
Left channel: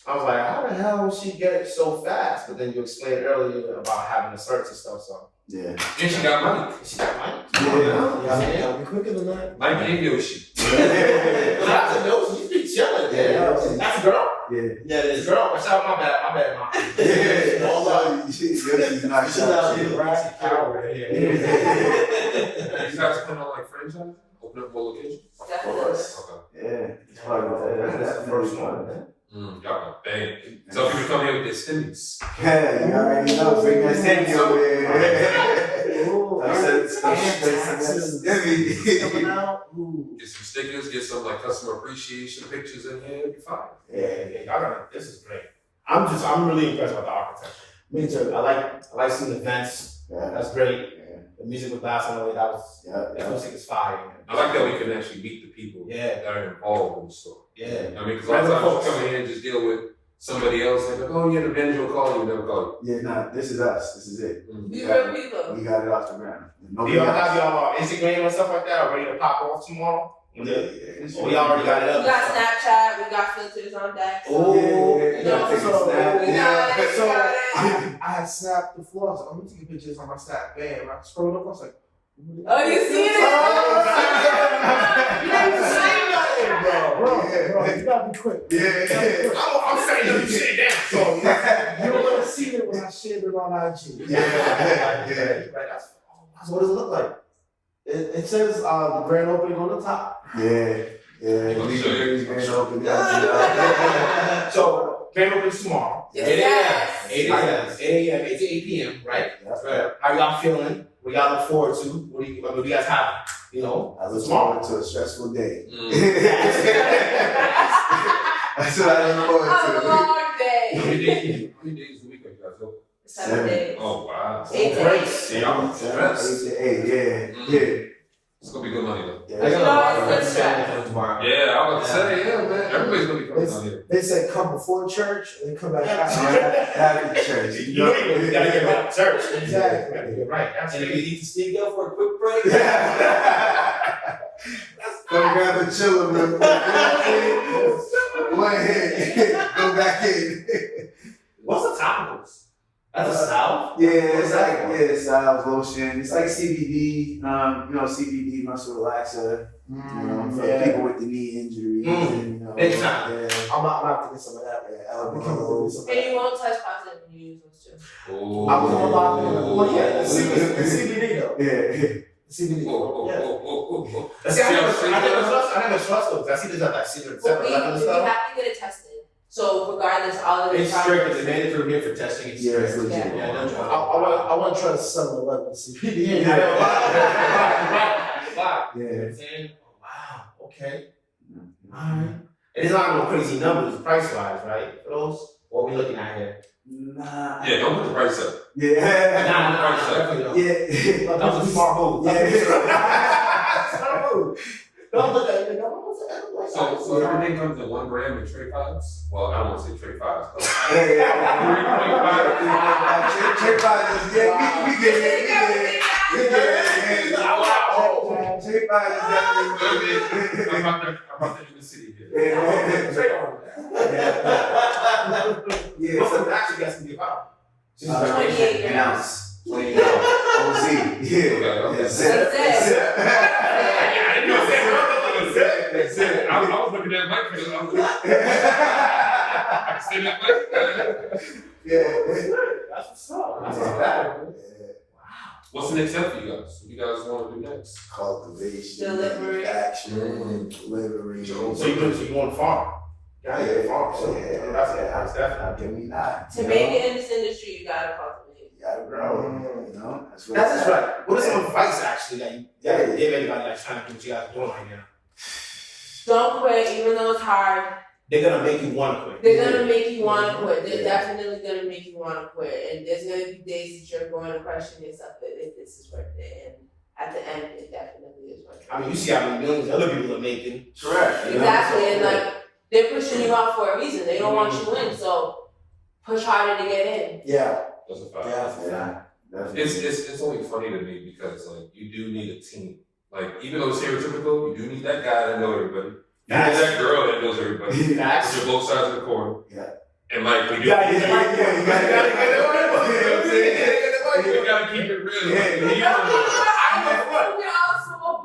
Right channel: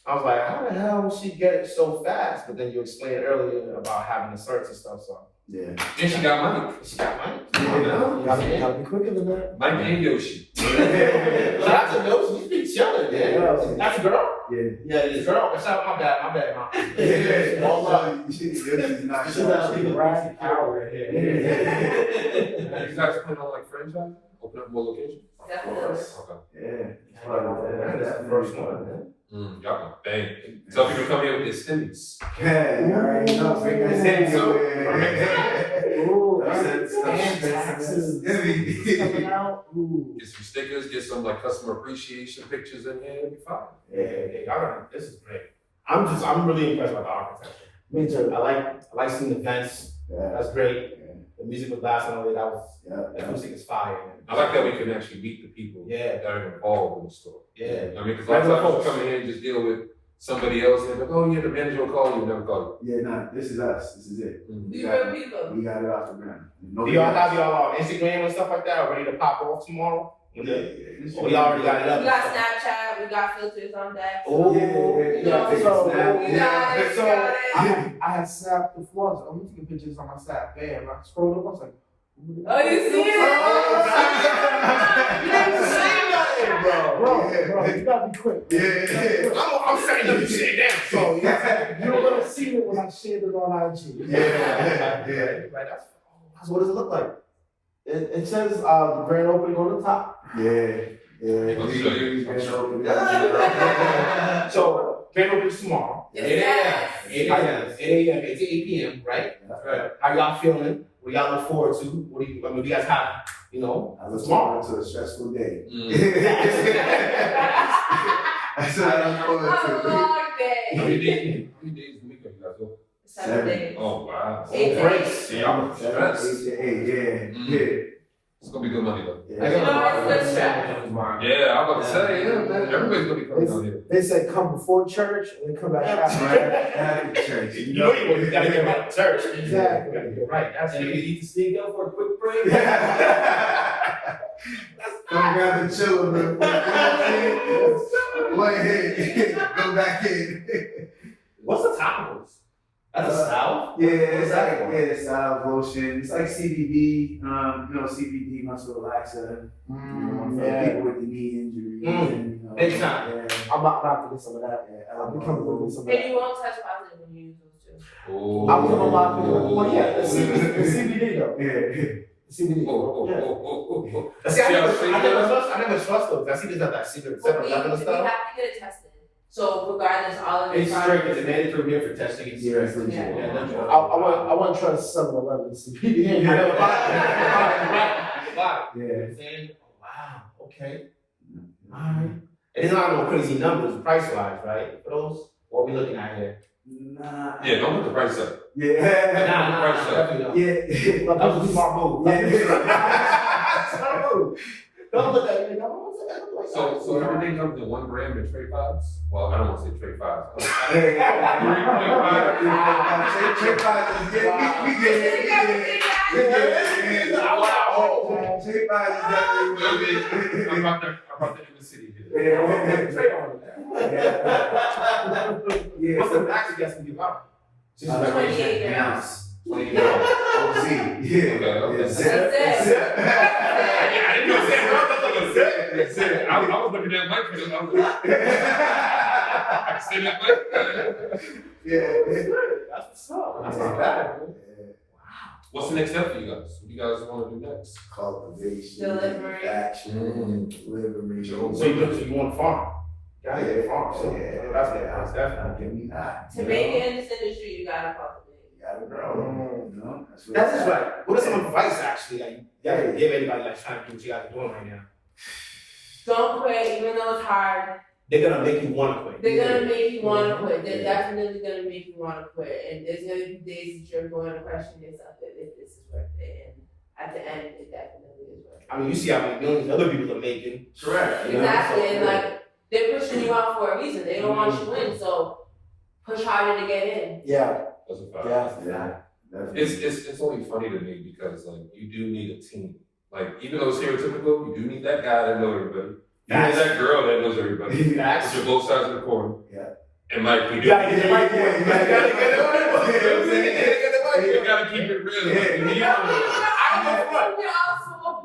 I was like, how the hell did she get it so fast? But then you explained earlier about having the certs and stuff. So Yeah. And she got money. she got money. You gotta be quicker than that. Mike and Yoshi. That's a no. You be chilling. Yeah. That's a girl. Yeah. Yeah, it is girl. Shout out, my bad, mom. Yeah. All love. She's not She's out here. Right out right here. You guys plan on like franchise? Open up more locations? Definitely. Okay. Yeah. That's the first one. Y'all gonna bang. Tell people to come here with their stimmies. Yeah, you already know. Bring that sense over there. Ooh, Taxes. coming out. Ooh. Get some stickers, get some like customer appreciation pictures in here, it'll be fine. Yeah, y'all got this is great. I'm really impressed by the architecture. Me too. I like seeing the vents. Yeah. That's great. The music with glass and all that. The Yeah. music is fire. Man. I like that we can actually meet the people Yeah. that are involved in the store. Yeah. I mean, because a lot of Regular times folks. you come in here and just deal with somebody else and they're like, oh yeah, the manager will call you, never call Yeah, nah, this is us. This is it. you. Be real people. We got it off the ground. Do y'all have y'all Instagram and stuff like that or ready to pop off tomorrow? Oh, y'all already got it up. We got Snapchat, we got filters on deck. Oh, Yeah. You know, Take a snap. we got it, we So got it. I had snapped the floors. I'm taking pictures on my snap. Bam. I scrolled up. I was like, Oh, you see it? You ain't seen nothing, bro, you gotta be quick. Yeah. I'm saying you shit down. So you don't want to see it when I shared it on IG. Yeah. So what does it look like? It says the grand opening on the top. Yeah. Yeah, He gonna show you. he's been open that. So, grand opening's tomorrow. Yes. 8 a.m. 8 a.m. It's 8 p.m. Right? Right. How y'all feeling? What y'all look forward to? What do you guys have? You know, I look tomorrow. forward to a stressful day. Mm. That's what I look forward A to. long How day. many days a week are you guys open? 7 days. Oh, wow. 8 Great. days. See, I'm stressed. 8 to 8, yeah, Mm. yeah. It's gonna be good money, though. Yeah. I You know, got it's good a stuff. Tomorrow. Yeah, I was about to say, yeah, man. Everybody's gonna be coming down here. They say come before church and then come back Right after. after church. You know you gotta get right to church. Exactly. You gotta get right. That's And if you it. need to sneak out for a quick break, Come grab the chiller real quick. Go ahead. Go back in. What's the topicals? That's a salve? Yeah, What is it's that like for? salve lotion. It's like CBD. CBD muscle relaxer. For people with the knee injuries. And, Big time. Yeah. I'm about to get some of that. Yeah, I'm coming to get some of And that. you won't touch positive when you use those too. Oh. I was on about to. Well, yeah, the CBD though. Yeah. CBD. Oh. See, See, I I'm never saying trust those. I see this at that secret But we 7-Eleven and have stuff. to get it tested. So regardless, all of the it's strict. It's mandatory here for testing. It's Yeah, strict. it's legit. Yeah. Yeah, no joke. I want to try to 7-Eleven CBD. I never bought it. Yeah. You know what I'm saying? Oh, wow. Okay. Alright. And it's not no crazy numbers price wise, right? For those? What we looking at here? Nah. Yeah, don't put the price up. Yeah. Nah, definitely don't. Yeah. That was a smart move. Smart move. Don't look at it. So everything comes in 1 gram in tray fives? Well, I don't want to say tray fives. Trip out is yeah, we get it. Trip out is definitely I'm about to end the city here. Yeah. What's the max you guys can give out? 28 an grams. ounce. Plain OZ. Yeah. Okay. That's it. I didn't know that. I was looking at Mike because I was like, I said that Mike. Yeah. That's what's up. That's not bad. What's the next step for you guys? What do you guys want to do next? Cultivation, Delivery. manufacturing, delivery. So you want to farm? Yeah, farm. So that's definitely. Give me that. To make it in this industry, you gotta cultivate. You gotta grow. You know? That's what That's it's just right. What are some advice actually that you gotta give anybody like trying to do what you guys are doing right now? Don't quit, even though it's hard. They're gonna make you want to quit. They're gonna make you want to quit. They're Yeah. definitely gonna make you want to quit. And there's gonna be days that you're going to question yourself if this is worth it. And at the end, it definitely is worth it. I mean, you see how many millions other people are making. Correct. Exactly. And like, they're pushing you out for a reason. They don't want you in. So push harder to get in. Yeah. That's a fact. Yeah. Definitely. It's only funny to me because like you do need a team. Like even though it's stereotypical, you do need that guy that knows everybody. You need that girl that knows everybody. Facts. But you're both sides of the coin. Yeah. And like we do. You gotta get the right one. You gotta get the right one. You gotta keep it real. Like, you know,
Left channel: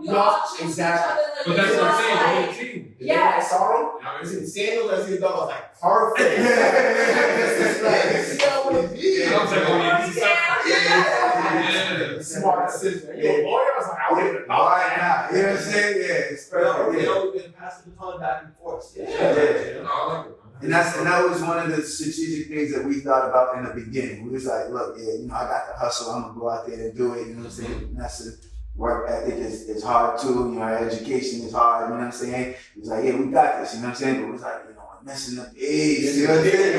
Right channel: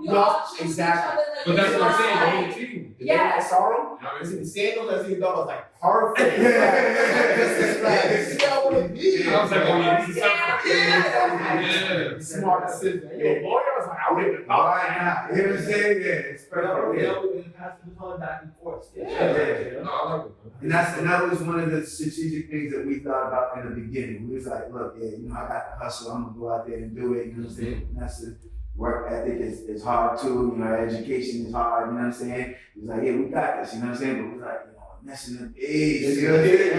We all choose exactly. each other. Like, but that's what I'm saying. like, You need a team. Yeah. Sorrow. I see the sandals. I see the dog. I was like, perfect. This is how I want to be. I was like, oh yeah, this is something. Yeah. Yeah. Smart decision. You a lawyer? I was like, I wouldn't even know Why that. not? You know what I'm saying? Yeah, it's perfect. You Yeah. know, we're gonna pass the baton back and forth. Yeah. No, I like it. And that was one of the strategic things that we thought about in the beginning. We was like, look, I got the hustle. I'm gonna go out there and do it. You know what I'm saying? And that's the work ethic is hard too. Our education is hard. You know what I'm saying? He was like, yeah, we got this. You know what I'm saying? But we was like, we're missing the piece. You know what I'm saying?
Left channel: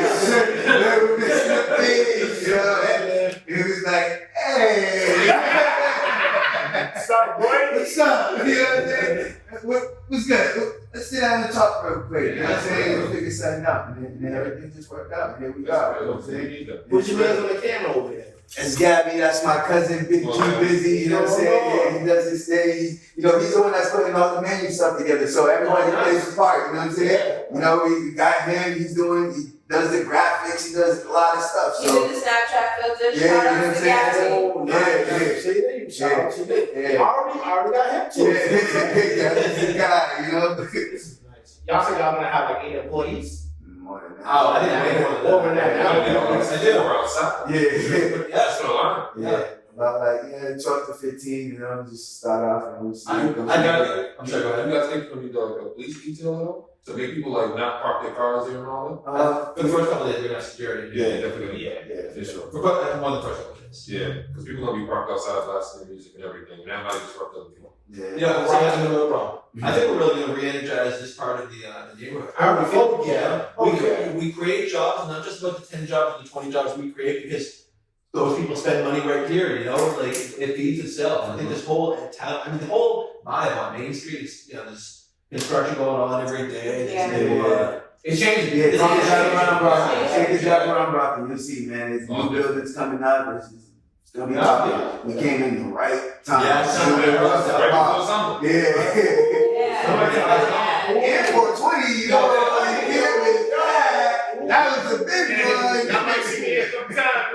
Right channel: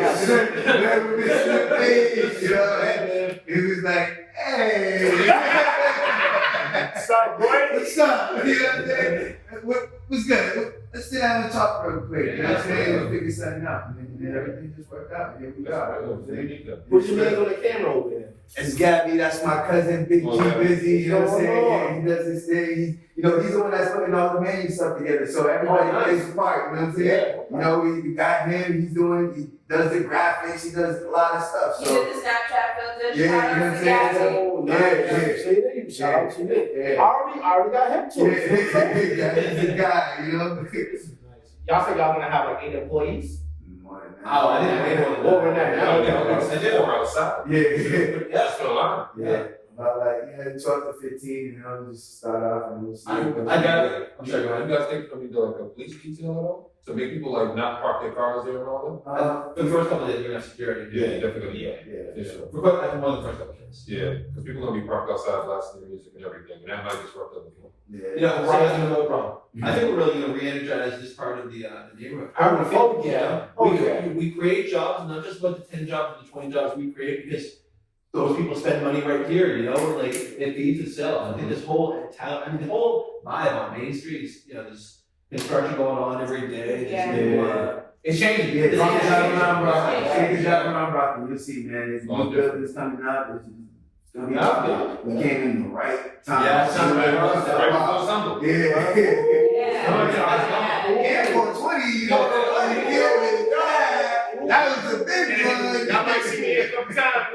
We're missing the piece. You know? And he was like, hey. Stop, boy. What's up? You know what I'm saying? What's good? Let's sit down and talk real quick. You know what I'm saying? We'll figure something out. And then everything just worked out. And here we That's are. real. You know what I'm saying? You need that. Put your hands on the camera over there. That's Gabby, that's my cousin, Big Oh, G yeah. Busy, you know what I'm saying? Yeah, he does his thing. He's the one that's putting all the menu stuff together. So everybody Oh, nice. plays his part, you know what I'm saying? Yeah. We got him, he does the graphics, he does a lot of stuff. You So did the Snapchat filter. Yeah, Shout you know what I'm out to saying? Gabby. Oh, Yeah, nice. yeah. See there, you shout out to me. Yeah. I already got him too. yeah, he's the guy, you know? Y'all said y'all gonna have like 8 employees? More than that. Oh, I didn't know. More than that. Yeah, Now, they don't I do. Or outside. Yeah, That's the line. yeah. about like, yeah, 12 to 15, you know, just start off and we'll see. I got it. I'm sorry, go Have ahead. you guys think from like a police detail at all? To make people like not park their cars there and all For the first couple of days, we're gonna have security. that? Yeah, definitely. Yeah. For sure. For one of the first couple of days. Yeah, because people gonna be parked outside blasting their music and everything, and that might disrupt other people. Yeah. Yeah, so that's another problem. I think we're really gonna re-energize this part of the neighborhood. I would feel, We create jobs, not just about the 10 jobs or the 20 jobs we create, because those people spend money right here, you know, like it feeds itself. I think this whole town, I mean, the whole vibe on Main Street is, you know, there's construction going on every day. Yeah. There's it changes. Yeah, Yeah. drive around Brockton. Yeah. Take a drive around Brockton. You'll see, man. There's new buildings coming up. It's gonna be up. We came in the right time. Yeah, Right before summer. Yeah. Yeah. Yeah, for 20, you know, that was a big one. Y'all might see me a couple times.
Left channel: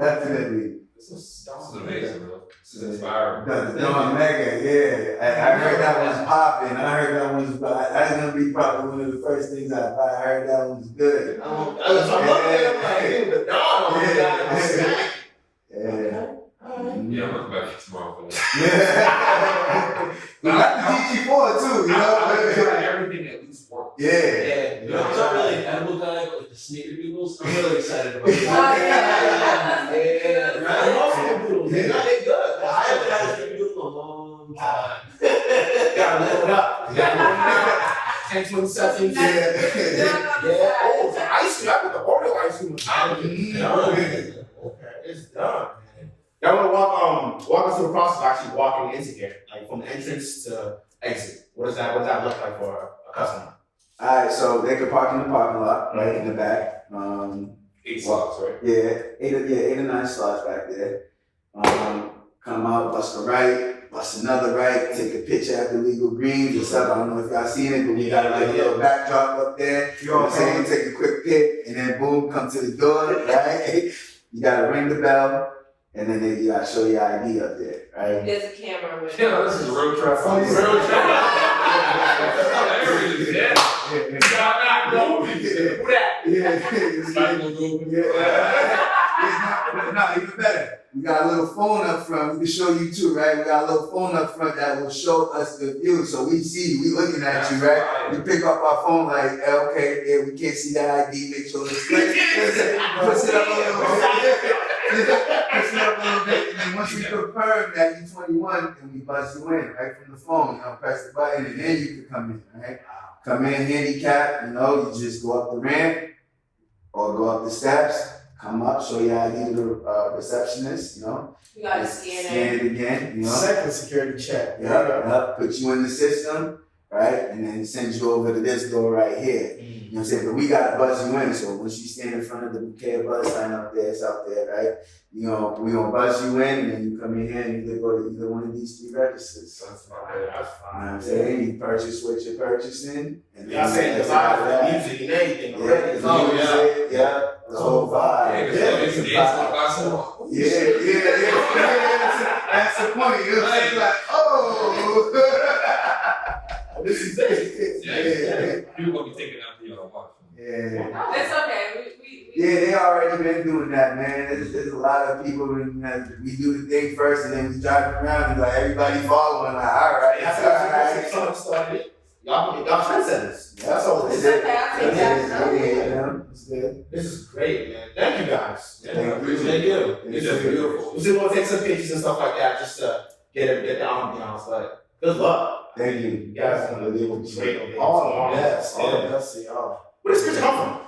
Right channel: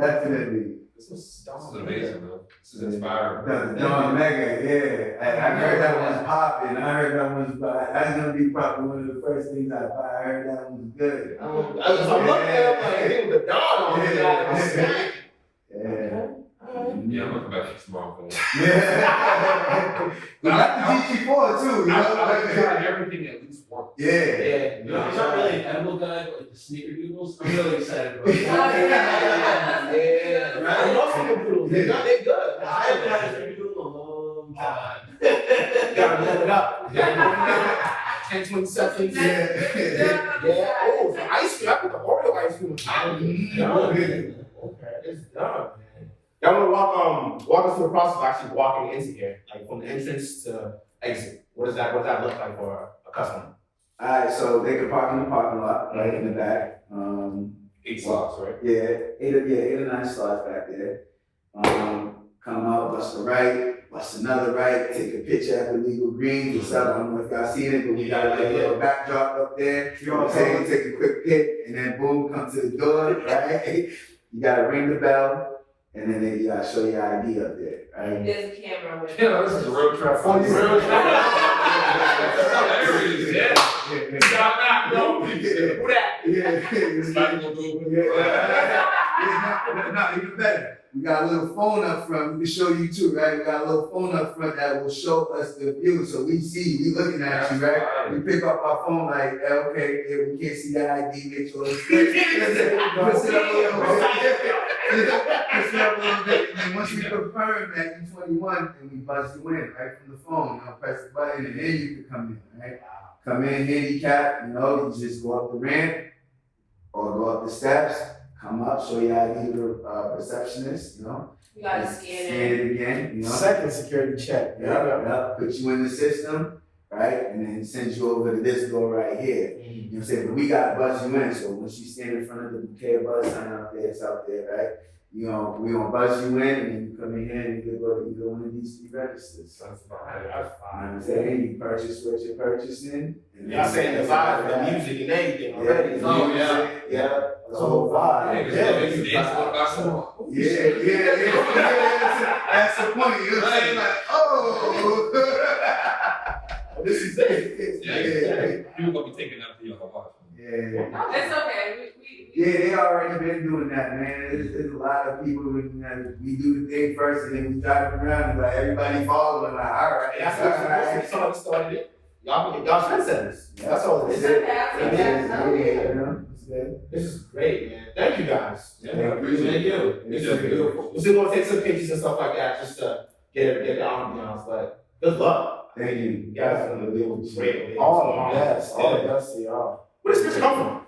Definitely. This is This is amazing, man. This is inspiring. No, Mega, yeah. I heard that one's popping. I heard that one's, that's gonna be probably one of the first things I heard that one's good. I'm looking at him like, hey, the dawn on me. Yeah. Yeah, I'm gonna come back tomorrow for that. Yeah. We got the GG4 too, you I like to know? try everything at least once. Yeah. You know, I'm not really an edible guy, but like the sneakerdoodles, I'm really excited about it. Yeah. I love sneakerdoodles. They're good. I haven't had a sneakerdoodle in a long time. Gotta live it up. 10, 20 seconds. Yeah. Oh, the ice cream. I put the Oreo ice cream on top of it. Done. Okay, it's done. Y'all want to walk us through the process of actually walking into here, like from the entrance to exit. What does that look like for a customer? Alright, so they could park in the parking lot, right in the back. 8 slots, right? Yeah, 8 or 9 slots back there. Come out, bust a right, bust another right, take a picture at the legal greens or something. I don't know if y'all seen it, but we got like a little backdrop up there. You know what I'm saying? Take a quick pic, and then boom, come to the door, right? You gotta ring the bell, and then you gotta show your ID up there, right? There's a camera with Yeah, this is road traffic. Real There it is, yeah. Y'all not know. Who that? No, even better. We got a little phone up front. We can show you too, right? We got a little phone up front that will show us the view, so we see you. We looking at you, right? We pick up our phone like, okay, yeah, we can't see the ID. Make sure it's good. Push it up a little bit. Push it up a little bit, and then once we confirm that you're 21, then we buzz you in right from the phone. I'll press the button, and then you can come in, right? Come in handicapped, you know, you just go up the ramp or go up the steps, come up, show your ID to the receptionist, you know. You gotta scan Scan it. it again, you know. Second security check. Yeah, put you in the system, right? And then send you over to this door right here. You know what I'm saying? But we gotta buzz you in, so once you stand in front of the bouquet of buzz sign up there, it's out there, right? We gonna buzz you in, and then you come in here and you go to either one of these 3 registers. That's fine. You know what I'm saying? You purchase what you're purchasing. And Y'all saying the vibe for the music and everything already. Yeah, Oh, yeah. The whole vibe. Yeah, because that makes you dance for about some. Yeah. That's the point. You know what I'm saying? Like, oh. This is it. Yeah. People gonna be taking out the watch. Yeah. It's okay. We Yeah, they already been doing that, man. There's a lot of people when we do the thing first and then we drive around and like everybody following. Like, all right, That's all right. what someone started it. Y'all trendsetters. That's all it It's is. okay. I think that's It's good. This is great, man. Thank you guys. Yeah, Thank I appreciate you. it. It's just beautiful. We're still gonna take some pictures and stuff like that just to get the ambiance, but good luck. Thank you. You guys are gonna deal with great. All the best. All the best to y'all. Where does this come from?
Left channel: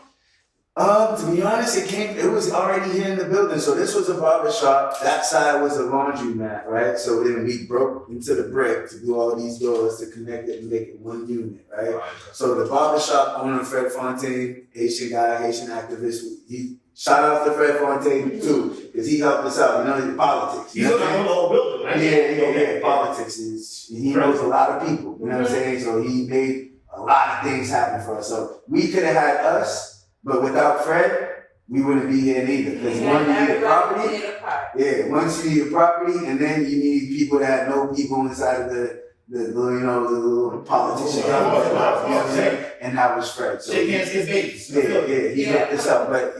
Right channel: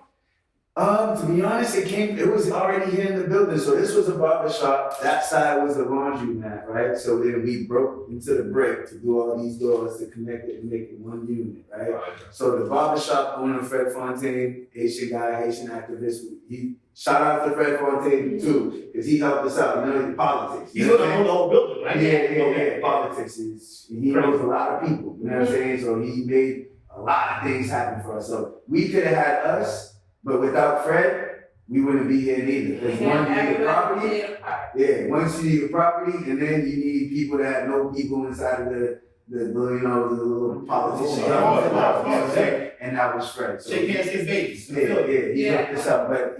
To be honest, it was already here in the building. So this was a barber shop. That side was a laundromat, right? So then we broke into the brick to do all these doors to connect it and make it one unit, right? So the barber shop owner, Fred Fontaine, Haitian guy, Haitian activist, he shout out to Fred Fontaine too, because he helped us out. You know, in politics. He's You know gonna own the whole building, right? Yeah. Politics is, he knows a lot of people. You know what I'm saying? So he made a lot of things happen for us. So we could have had us. But without Fred, we wouldn't be here neither. Because one, you need a property. Yeah, once you need a property, and then you need people that know people inside of the little politician. And that was Fred. So Shake hands, kiss babies. he hooked us up. But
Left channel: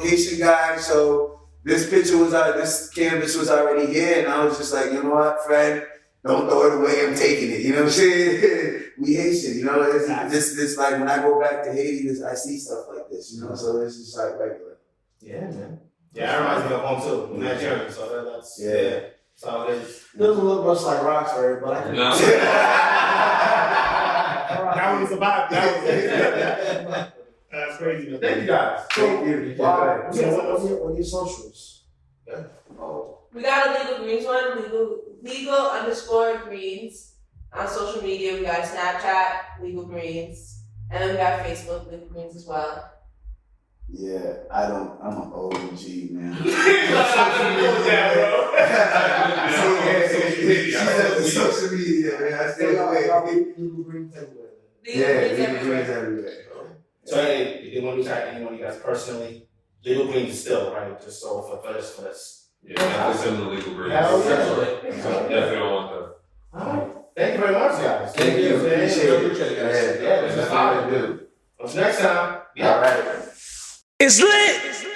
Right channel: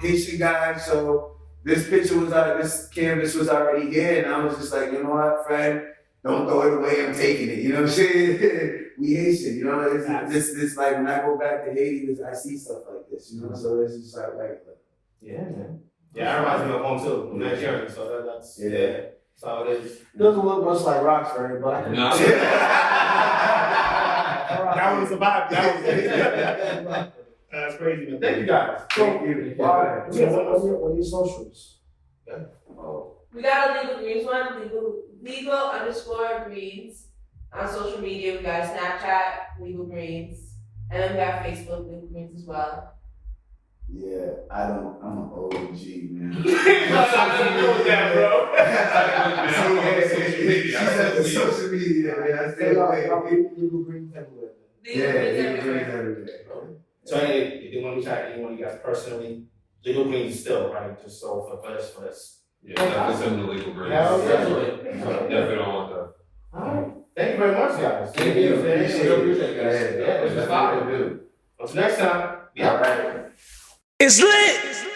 Haitian guy, so this cannabis was already here, and I was just like, you know what, friend, don't throw it away. I'm taking it. You know what I'm saying? We Haitian. You know, this like when I go back to Haiti, I see stuff like this. You know, so it's just like regular. Yeah, man. Yeah, that reminds me of home too. I'm Nigerian, so that's that's all it is. It doesn't look much like Roxbury, but I can. No. That one survived. That's crazy, man. Thank you guys. Thank you. What are your socials? We got a Legal Greens one, legal_greens on social media. We got Snapchat, Legal Greens, and then we got Facebook, Legal Greens as well. Yeah, I'm an OG, man. Social media, man. I stay away. Legal Greens everywhere. Legal Greens everywhere. So if you want to reach out to anyone you guys personally, Legal Greens still, right? Just so for this. Yeah, definitely send the legal grades. Yeah, okay. Definitely don't want that. All right. Thank you very much, guys. Thank you. Appreciate it, Yeah, this is fine. dude. Until next time. Yeah. All right. It's lit.